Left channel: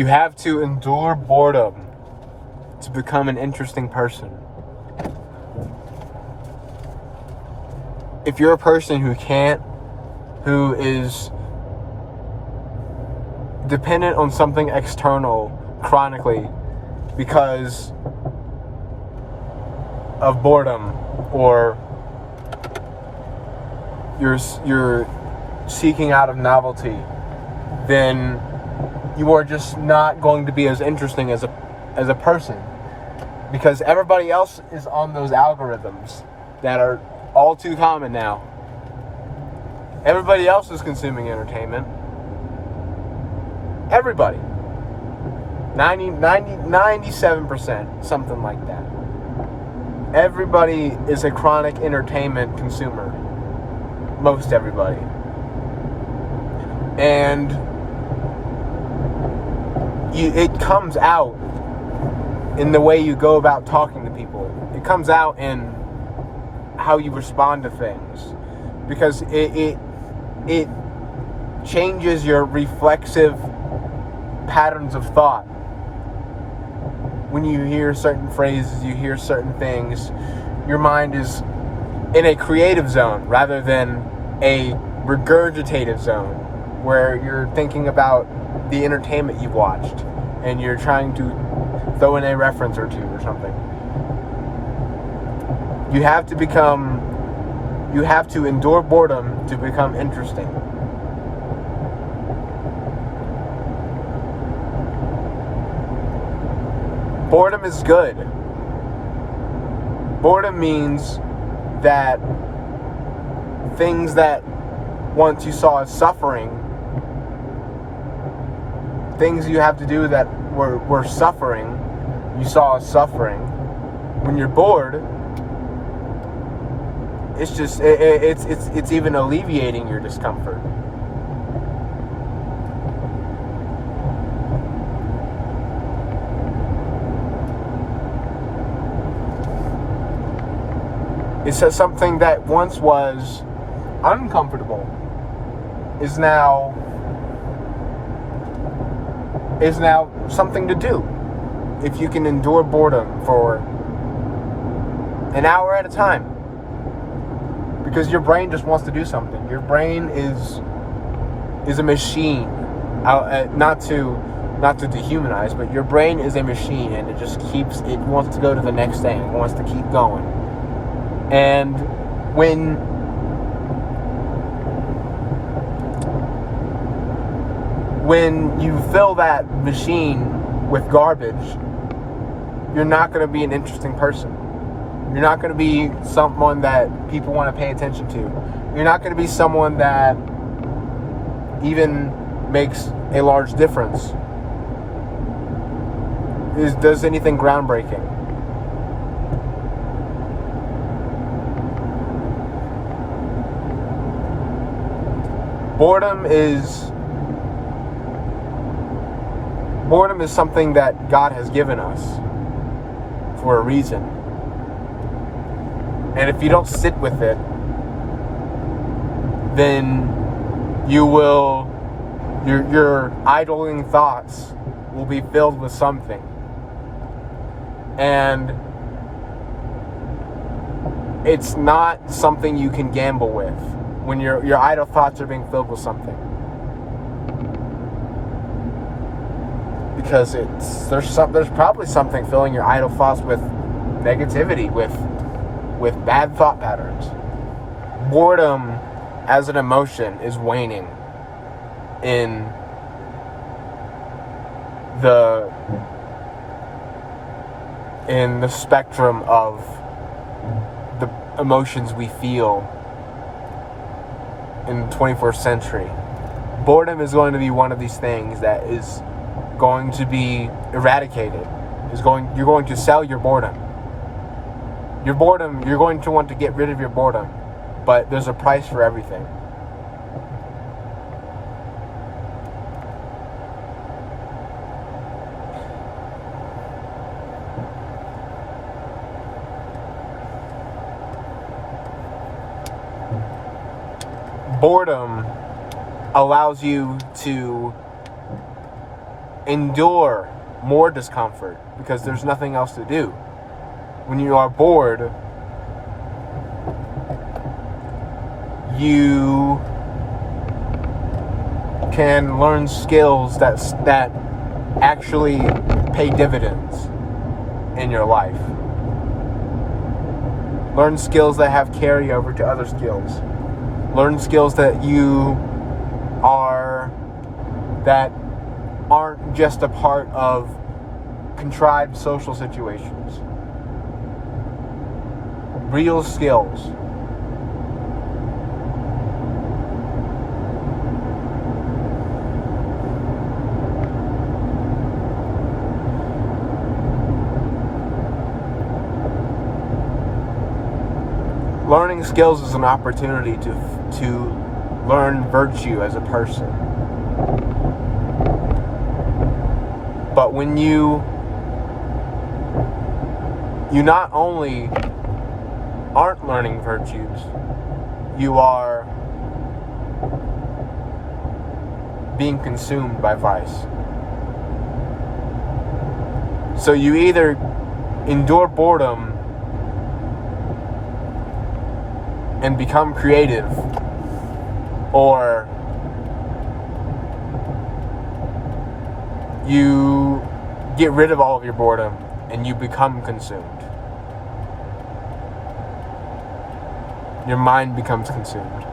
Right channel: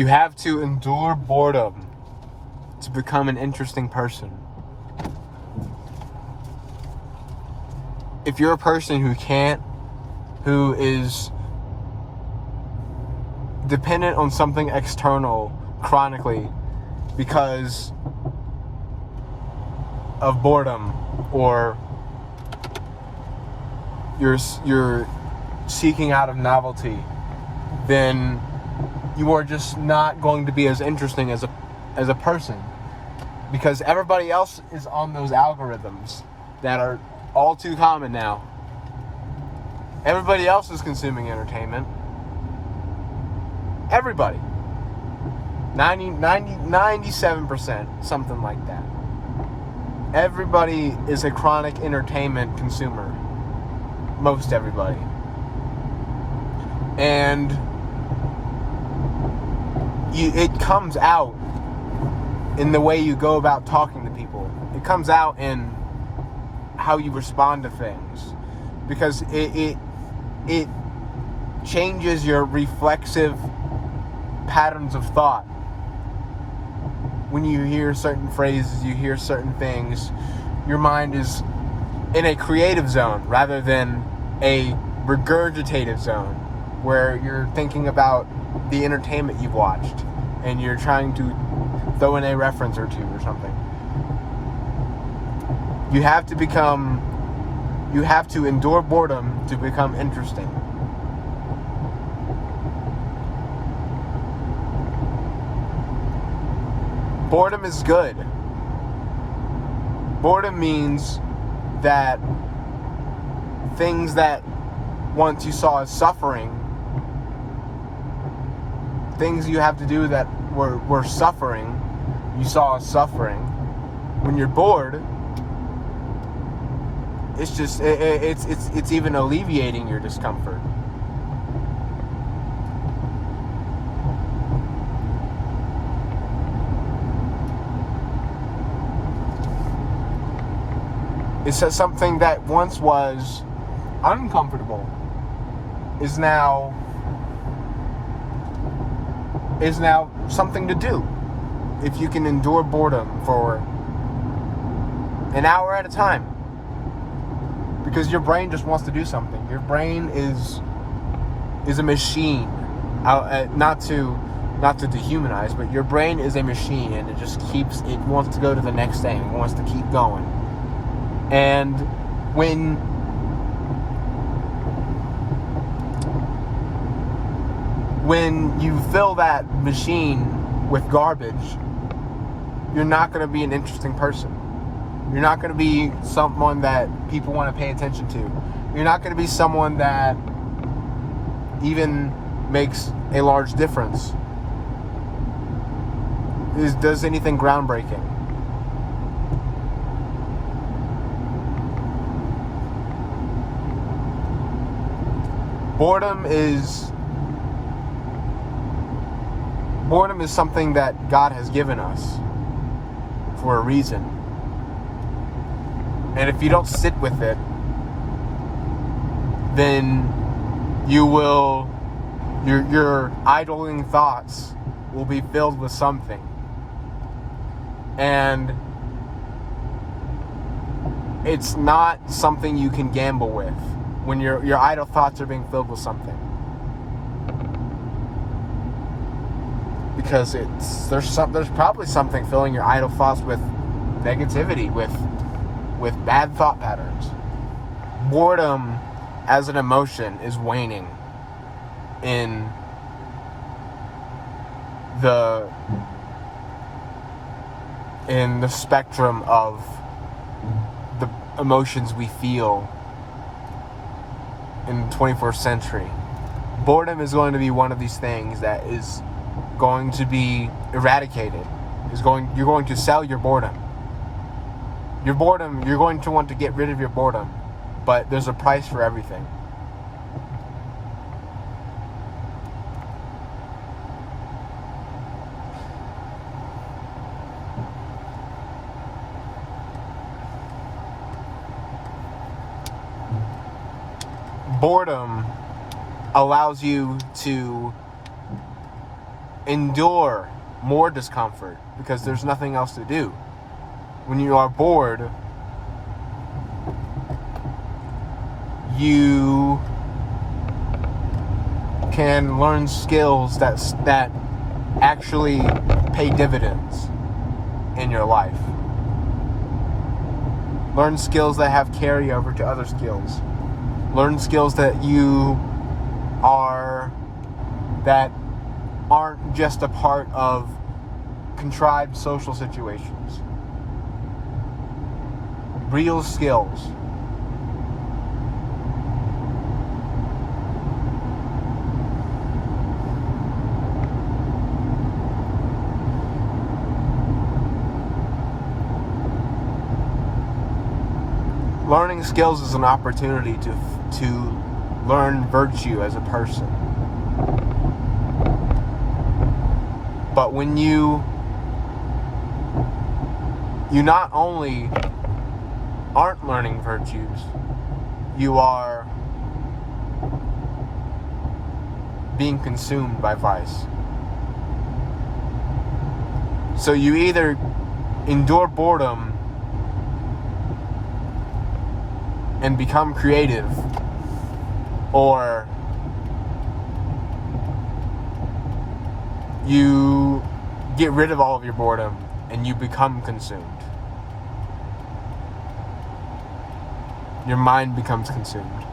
You have to endure boredom to become an interesting person. If you're a person who is dependent on something external chronically because of boredom, or you're seeking out of novelty, then you are just not going to be as interesting as a person, because everybody else is on those algorithms that are all too common now. Everybody else is consuming entertainment. Everybody. 97%, something like that. Everybody is a chronic entertainment consumer. Most everybody. And it comes out in the way you go about talking to people. It comes out in how you respond to things, because it changes your reflexive patterns of thought. When you hear certain phrases, you hear certain things, your mind is in a creative zone rather than a regurgitative zone where you're thinking about the entertainment you've watched and you're trying to throw in a reference or two or something. You have to endure boredom to become interesting. Boredom is good. Boredom means that things that once you saw as suffering, things you have to do that were suffering, you saw as suffering, when you're bored, it's just it's even alleviating your discomfort. It says something that once was uncomfortable is now something to do. If you can endure boredom for an hour at a time. Because your brain just wants to do something. Your brain is a machine. Not to dehumanize, but your brain is a machine, and it wants to go to the next thing. It wants to keep going. And when you fill that machine with garbage, you're not going to be an interesting person. You're not going to be someone that people want to pay attention to. You're not going to be someone that even makes a large difference. Does anything groundbreaking. Boredom is something that God has given us for a reason. And if you don't sit with it, then your idling thoughts will be filled with something. And it's not something you can gamble with when your idle thoughts are being filled with something. Because there's probably something filling your idle thoughts with negativity, with bad thought patterns. Boredom as an emotion is waning in the spectrum of the emotions we feel in the 21st century. Boredom is going to be one of these things that is going to be eradicated. You're going to sell your boredom. Your boredom, you're going to want to get rid of your boredom, but there's a price for everything. Boredom allows you to endure more discomfort because there's nothing else to do. When you are bored, you can learn skills that actually pay dividends in your life. Learn skills that have carryover to other skills. Learn skills that aren't just a part of contrived social situations. Real skills. Learning skills is an opportunity to learn virtue as a person. But when you not only aren't learning virtues, you are being consumed by vice. So you either endure boredom and become creative, or you get rid of all of your boredom and you become consumed. Your mind becomes consumed.